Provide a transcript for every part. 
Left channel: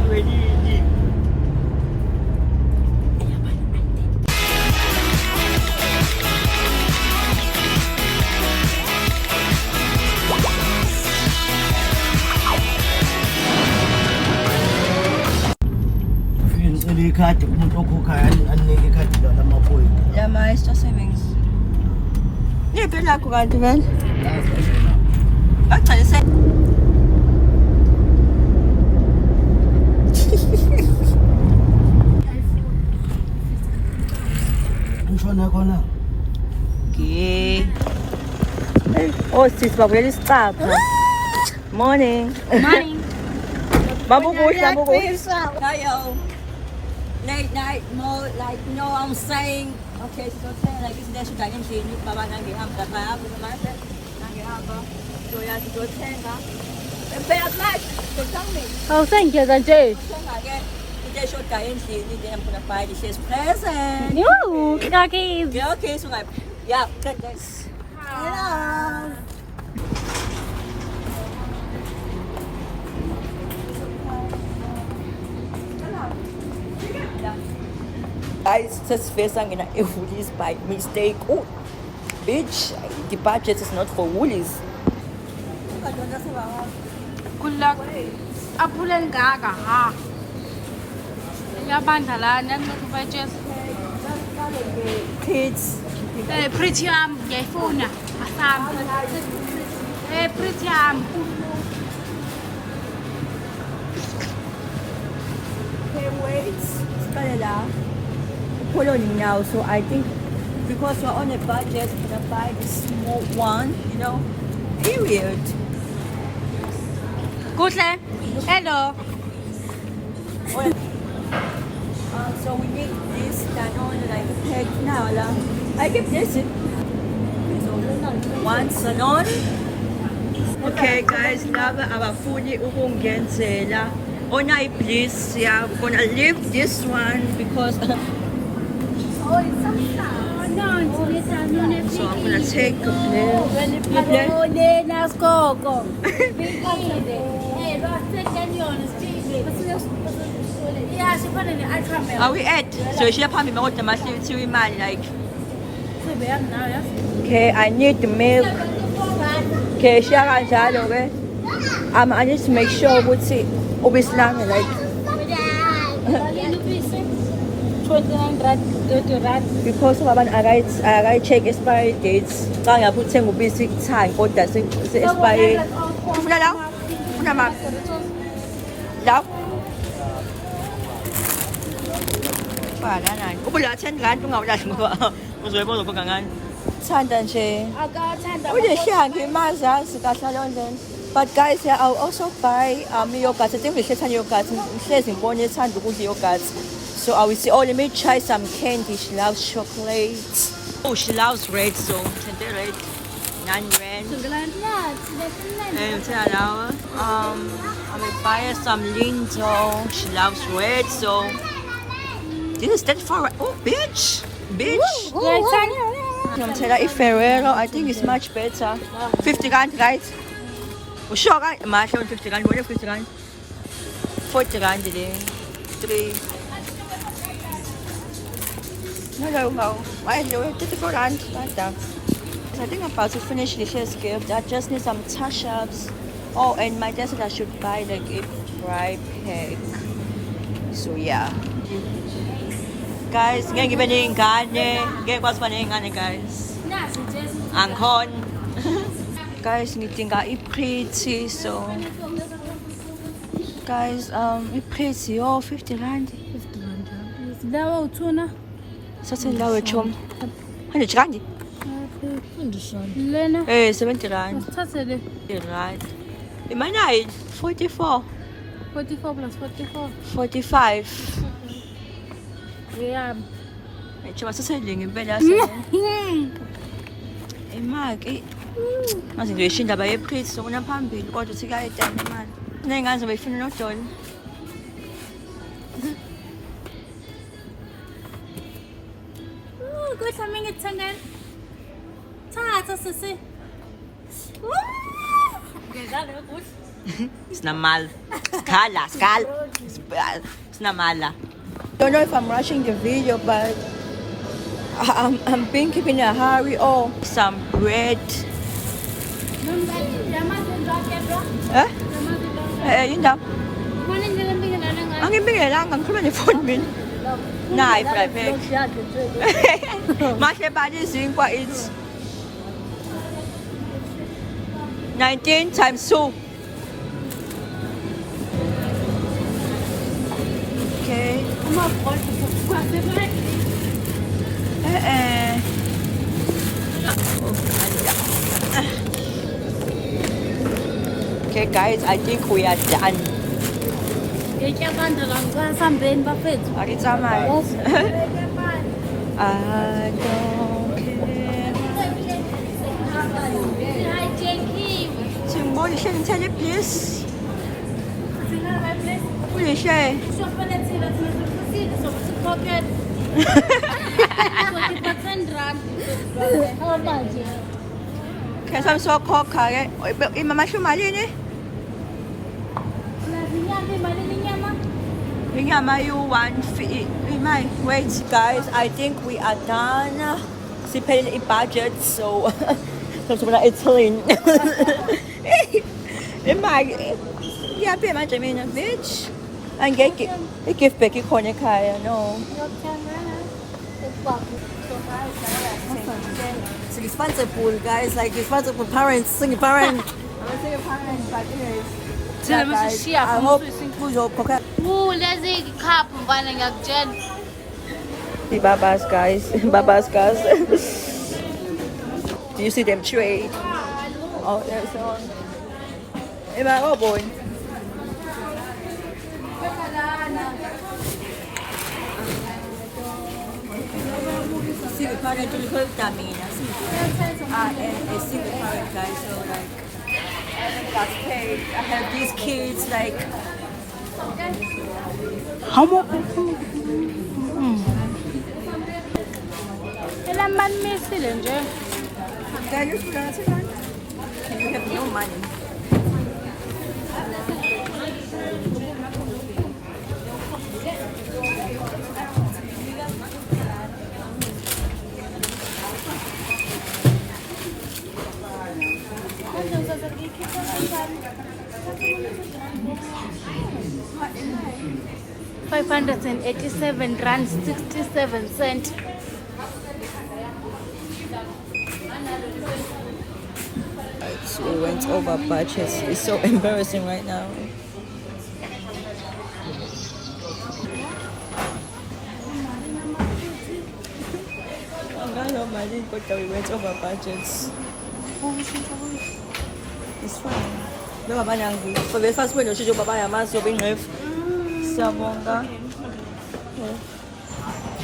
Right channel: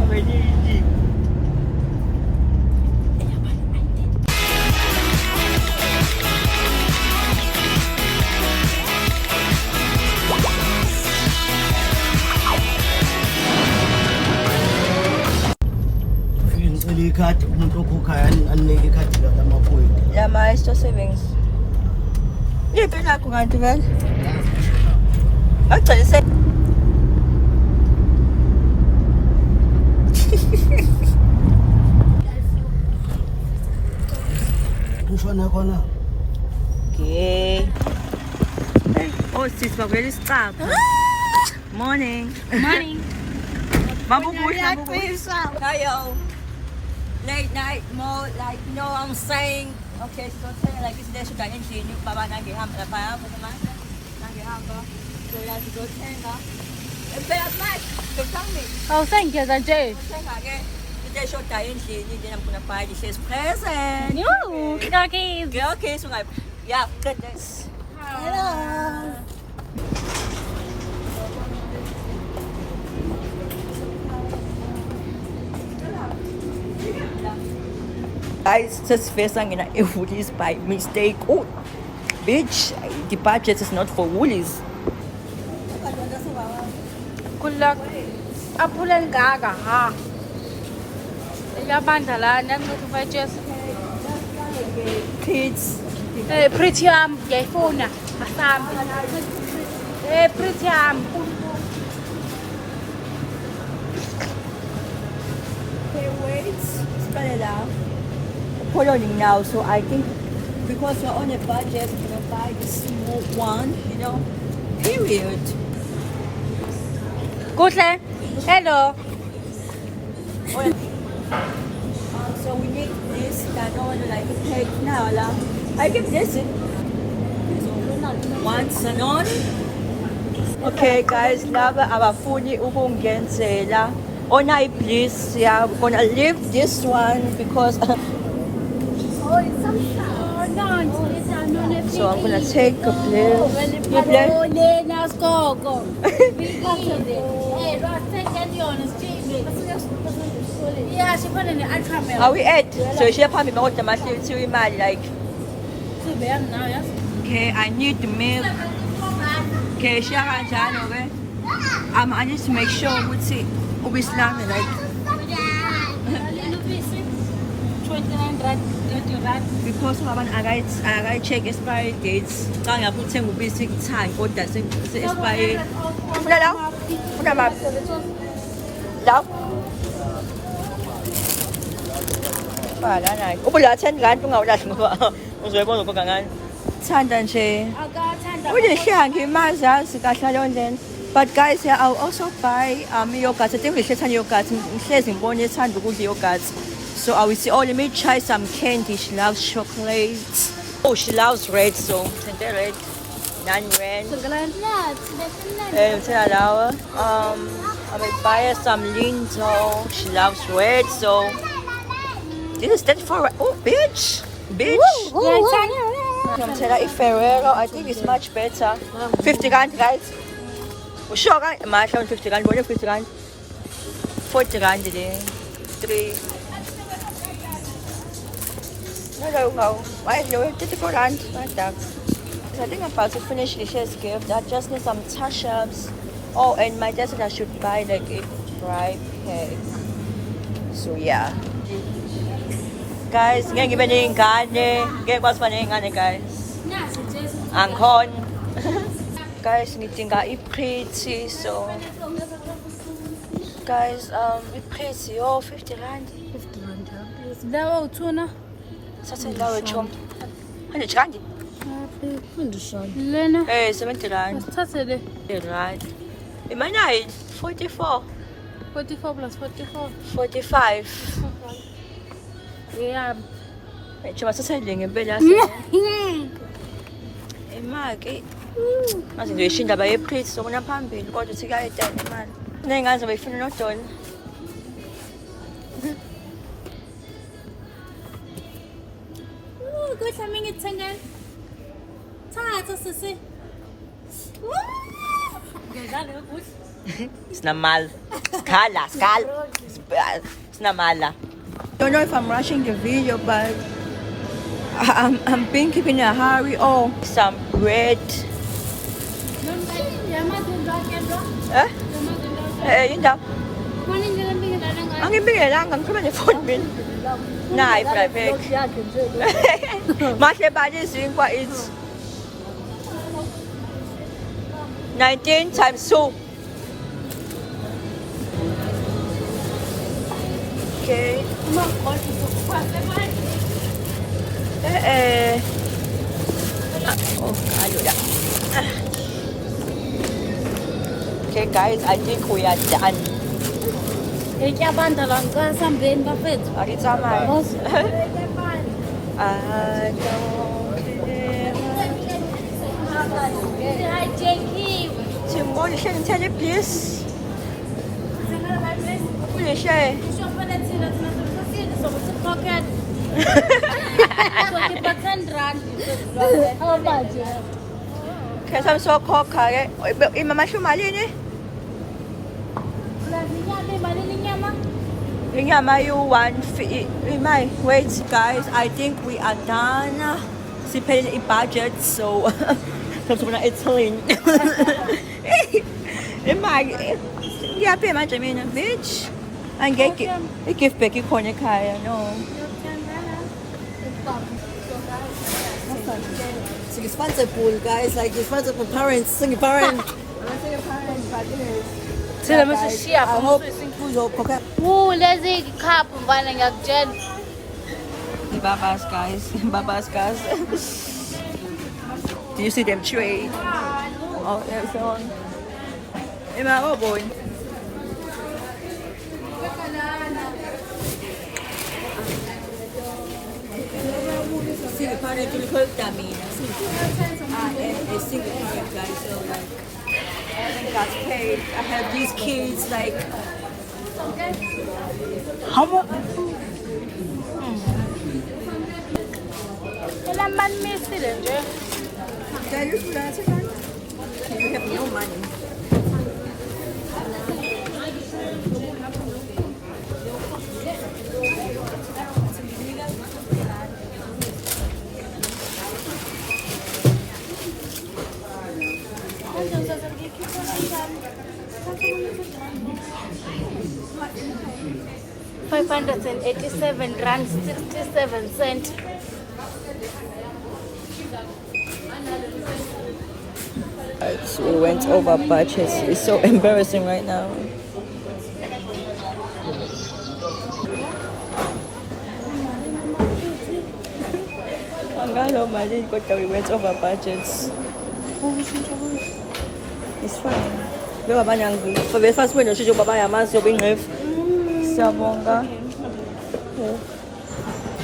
Avenida. Ikhadi umuntu okhokhayo aninike ikhadi lamaphoyinti. Yama extra savings. Yiphi lakho kanti vele? Agcwalise. Ushona khona. Okay. Oh sis babulela isicapha. Morning. Morning. Mabubuhle mabubuhle. Hello. Late night mode, like you know what I'm saying. Okay, so I'm saying like this next time I'm saying baba nangihamba lapha yabo manje nangihamba joya zothenga. Phela manje tell me. Awusengeza nje. Thenga ke today show time endlini then I'm gonna buy this present. Yo, khakis. Yeah, okay, so like yeah, good day. Hello. Guys, just first I'm gonna Woolies by mistake. Oh, bitch, the budget is not for Woolies. Good luck. Aphula ngaka ha. Yabandla lana ngikufetshela. Kids. Pretty ngiyayifuna. Asambi. Pretty Scarlett, following now, so I think because we're on a budget, I'm gonna buy the small one, you know. Period. Kuhle. Hello. So we need this Danone like pack now, I get this. So one Danone. Okay, guys, laba abafuni ukungenzela. Ona please, yeah, we're gonna leave this one because. So I'm gonna take a Yeah, she put in the ultra milk. Are we at? So she have me out the machine to imagine like. Okay, I need the milk. Okay, she has okay. I need to make sure what's it. Obviously, like. 29 Because I check expiry dates. Xa ngiyakuthenga ubisi kuthani kodwa se-expire. Ufuna la? Ufuna maphi? La? Bhala nayo. Ubula 10 rand ungawulazi ngoba uzoyibona ukhokha ngani. Thanda nje. Ulihlanga imazazi kahle leyo ndlela. But guys, yeah, I'll also buy yogurt. I think we should have yogurt. Ngihlezi ngibona ethanda ukudla yogurt. So I will see. Oh, let me try some candy. She loves chocolate. Oh, she loves red, so red, 9 rand. I will buy her some Lindo. She loves red, so this is 34. Oh, bitch. I'm telling you, Ferrero, I think it's much better. 50 rand, right? Oh, sure, right? My 50 rand. What 50 rand? 40 rand, 3. No. Why is your 34 rand? I think I'm about to finish this gift. I just need some touch-ups. Oh, and my guess is I should buy like a fry pack. So yeah. Guys, ngeke ngibe ney'ngane. Ngeke kwazi uba ney'ngane, guys. Angikhona. Guys, ngidinga i-pretty, so guys, i-pretty, 50 rand. 50 rand. Dawa utuna. Sasa lawe chom. 100 rand. 70 rand. Thathele. Right. Imana 44. 44 plus 44. 45. Yeah. Choma sasa ngempela imali ngaze ngishinda baye pretty sokuna phambili kodwa sikayedana imali nengaze bayifuna nodola. Kuthi mina ngithenge. Thatha sisi. Ngezake kuhle. Snamal. Skala. Snamala. Don't know if I'm rushing the video, but I'm being keeping a hurry. Oh, some bread. Huh? Yun lang. Ang ibigay lang, ang suman yung funding. Knife, like that. Mashe ba this yun kwa it's 19 times 2. Okay. Okay guys, I think we are done. Ari sama. Simbol siya ng telepis. Ini siya eh. Kaya sabi so ko kaya. Mama sumali ni. You one fee. Wait guys, I think we are done. Si pay in budget so so na Italy. Yeah, pay man Jamina bitch. Ang gift back ko niya kaya no. So responsible guys, like responsible parents, single parents. I hope you cook. Lezi cup mvana ngakutshela. The babas guys. Do you see them tray? Oh, there's one. Oh boy. Single parent will cook Damina. I am a single parent guys, so like okay, I have these kids like How much? you have no money. £587.67. So we went over budget. It's so embarrassing right now. We went over budgets. It's fine. Baba yangu. For the first window, she baba ya mas shopping with Sabonga.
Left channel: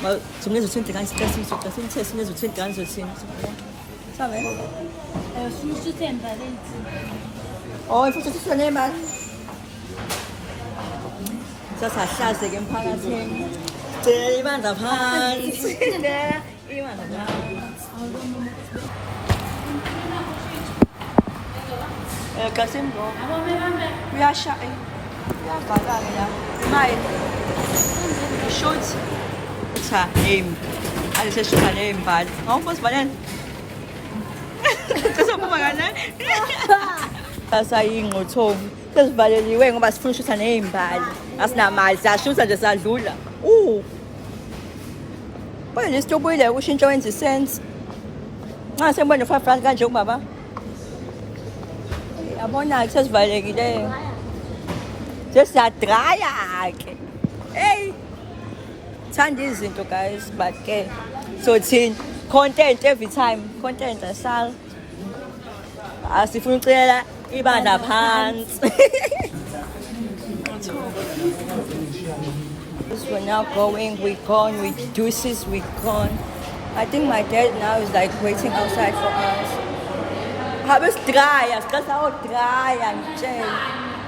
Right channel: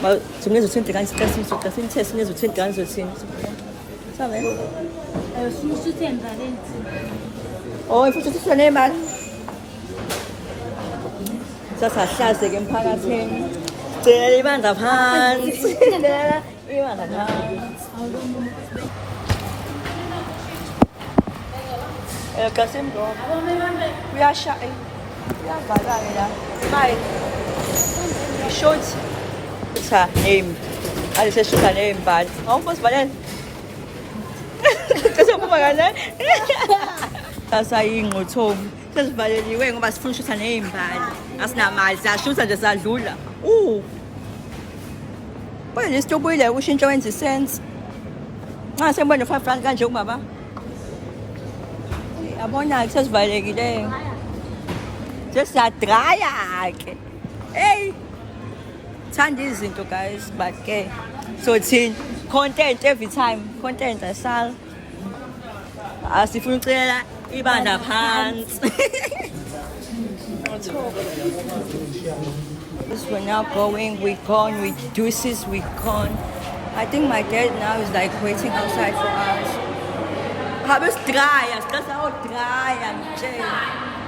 But some of the things guys testing so the things testing is the guys are seeing. Sabe? Oh, it's just a name man. Just a shot again paratin. Jelly man the pants. Even the pants. Kasimbo. We are shy. Hi. Shorts. What's her name? I just said her name, but almost by then. Just apa pangalan? Saying mo home. Just by the way, ngomong mas full shoes her name, but as na mal sa shoes ada sa lula. Oh. Pwede listo po ile, ushin 20 cents. Ah, sa bueno fa franc ganjong baba. Abona just by the day. Just a try. Hey. Sundays into guys, but okay. So it's in content every time. Content I sell. As if you tell iba na pants. We're now going, we're gone, we do this, we're gone. I think my dad now is like waiting outside for us. Habis dry, that's how dry and chill.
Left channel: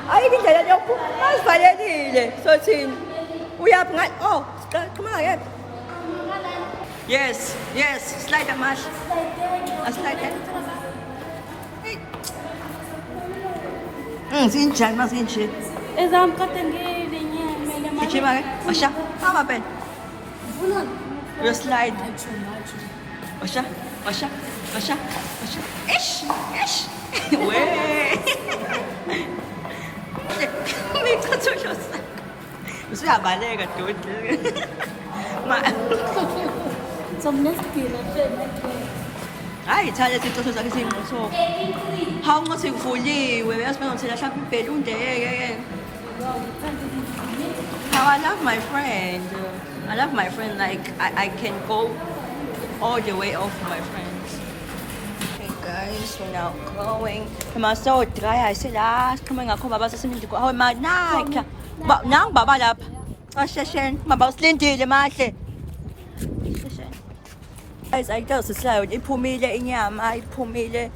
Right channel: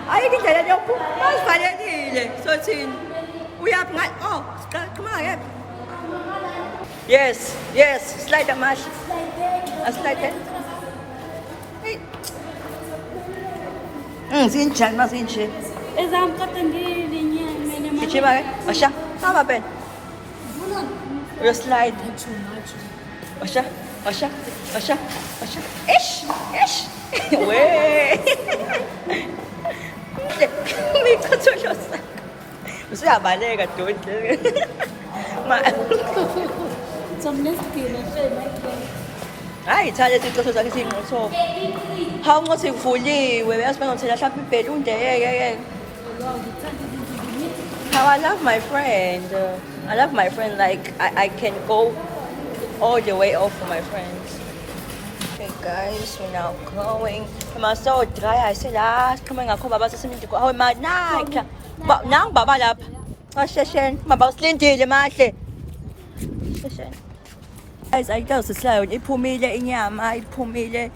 I think that you're not funny. So it's in. We have not. Oh, come on, yeah. Yes, slide the mask. Slide it. Hey. Sincha, no sincha. Ezam katandini Ichima, Asha, how Ben? Your slide. Asha, Asha, Asha, Asha. Ish. Way. May katulosna. Gusto niya balik at good. Ai,差一啲做實實先冇錯。後我食苦嘢，為咗俾我食咗三片白lunch嘅。How I love my friend. I love my friend. Like I can go all the way off for my friends. Okay guys, we're now going. Kaya so dry sila. Kaya nga ako babasa sa mga ko. Oh, mag-night. Nang babalap. Oh, session. Mabawas linti, limase. Session. Guys, I got to say, pumili inyama, pumili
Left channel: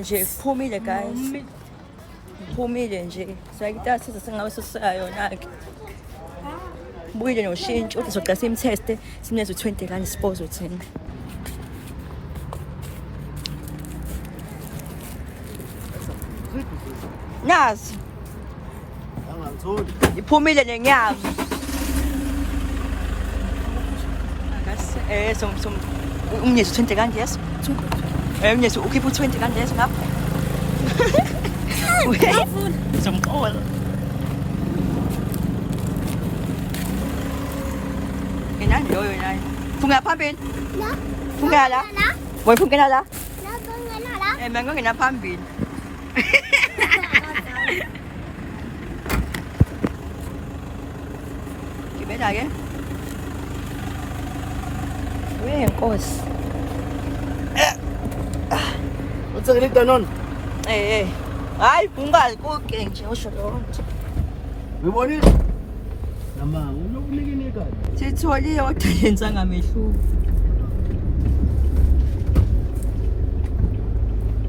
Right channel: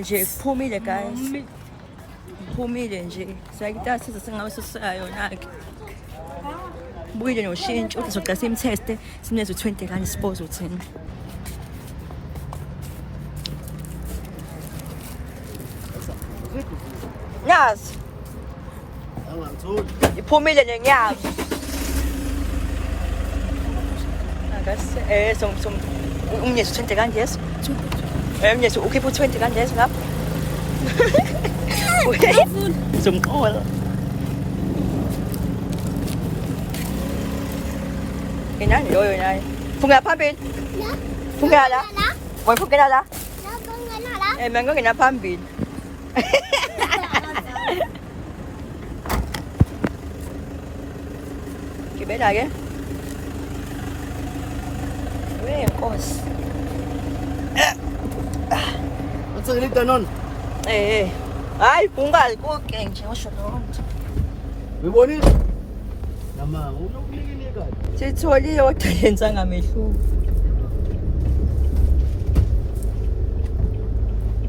nje, guys. Pumili nje. So I got to say, nag. Buhay na ushintsho, so dasim teste, sinezo 20 rand disposal thing. Nas. Pumili na nyas. Guys, umnies 20 rand yes. Umnies okay for 20 rand yes, ngap. Some oil. Inan, yo inan. Funga pambin. Funga la. Mo funga la. Mango kina pambin. Kibeda ya. Boss. What's the reason on? Ay, pungal ko keng siya. We want it. Nama, uno kini kan. Chitsoli yote yenza ngamehlu.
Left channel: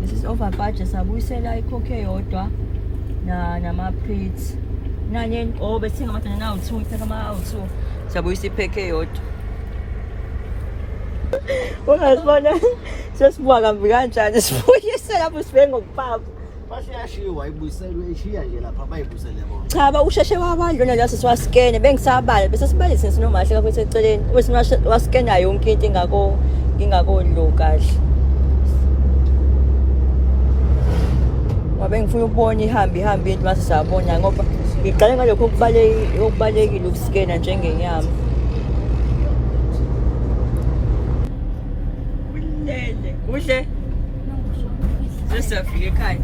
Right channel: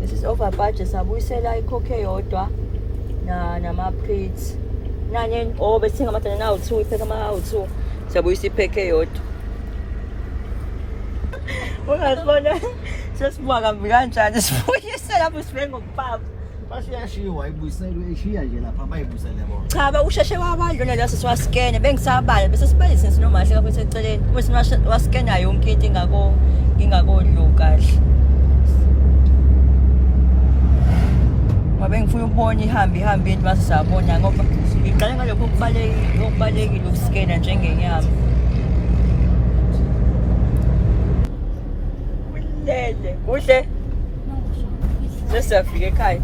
This is over budget. Sabuyisela ikhokhe yodwa nama plates. Nanye bethenga amadana nawo 2 ipheka ama 2. Sabuyisa ipheke yodwa. Ungasibona sesibuka kambi kanjani sibuyise lapho sibe ngokupapa. Basiyashiwa ibuyiselwe ishiya nje lapha bayibuyisele bona. Cha usheshe wabantu nalase siwaskene bengisabala bese sibalise sinomahle kakho eseceleni bese waskena yonke into ingako kahle. Ngabe ngifuna ukubona ihambi into mase sabona ngoba ngiqale ngalokho okubalekile ukuskena njengenyama. Uhle. Sesafika ekhaya.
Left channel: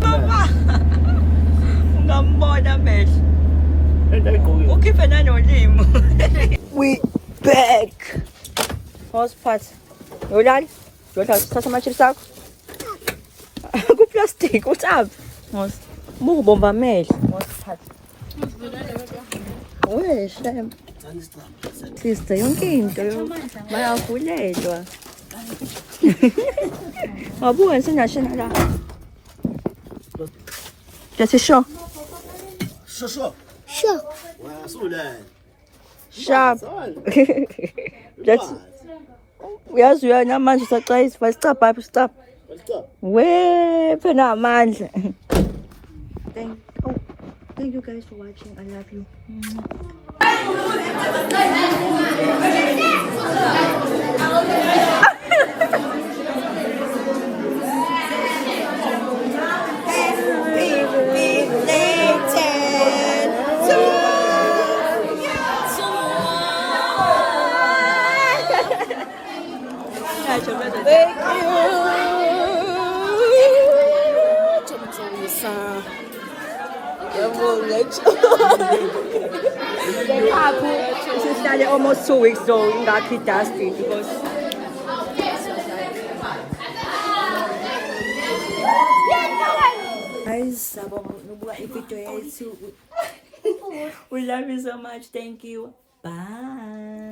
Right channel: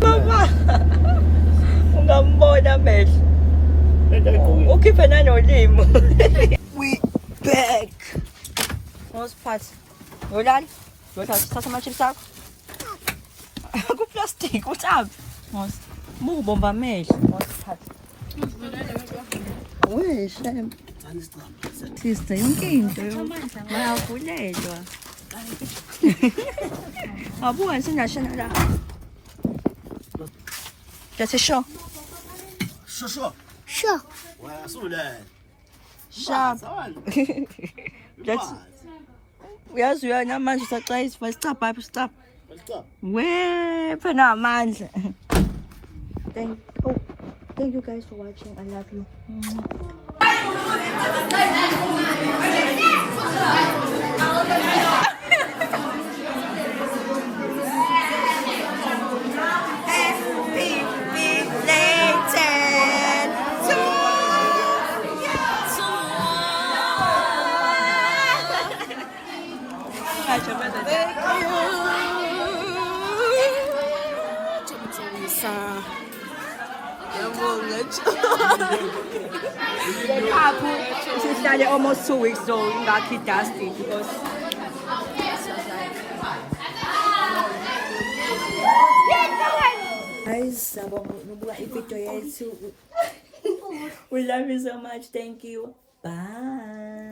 Mama. Ungambona mehlo. Ukhiphe nanolimo. We back. What's part? Yolani? Yothatha ama-chips akho? Ku-plastic, what's up? Bukubomba amehlo. What's part? Weshe. Sister, yonke into mayavulelwa. Wabuka nsinashina la. That's a show. Sure. Wow, so that. Sharp. That's. Uyazi uyana manje saxayisa stop. What's up? We phela amandla. Thank you guys for watching. I love you. She started almost 2 weeks so you got keep dusty because guys, we love you so much. Thank you. Bye.